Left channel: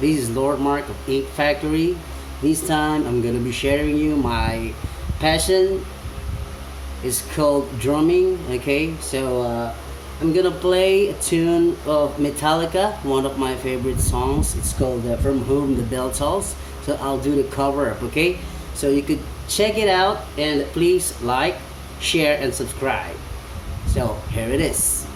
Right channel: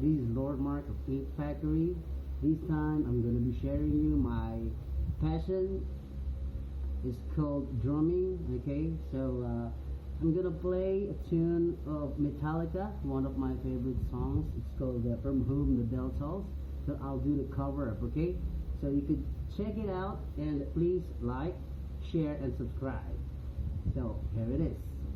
This is Lord Mark of Inkedfactory. This time I'm gonna be sharing you my passion. It's called drumming. Okay, so I'm gonna play a tune of Metallica, one of my favorite songs. It's called "From Whom the Bell Tolls." So I'll do the cover up. Okay, so you could check it out and please like, share, and subscribe. So here it is.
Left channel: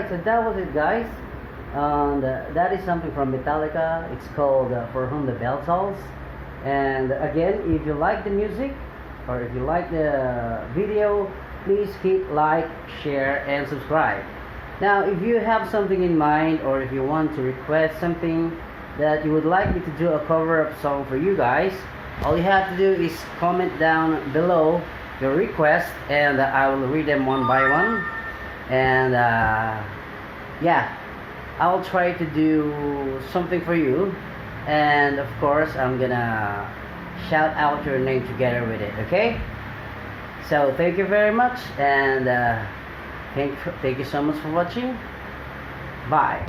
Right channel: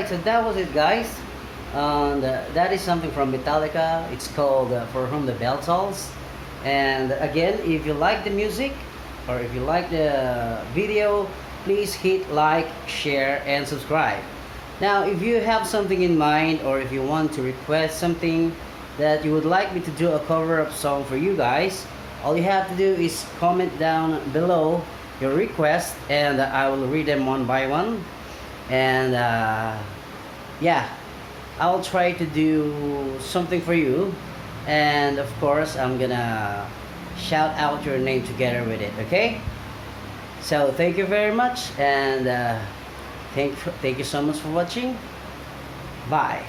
right, so that was it, guys. And that is something from Metallica. It's called For Whom the Bell Tolls. And again, if you like the music or if you like the video, please hit like, share, and subscribe. Now, if you have something in mind or if you want to request something that you would like me to do a cover up song for you guys, all you have to do is comment down below your request and I will read them one by one. And yeah, I'll try to do something for you. And of course, I'm gonna shout out your name together with it, okay? So thank you very much, and thank you so much for watching. Bye.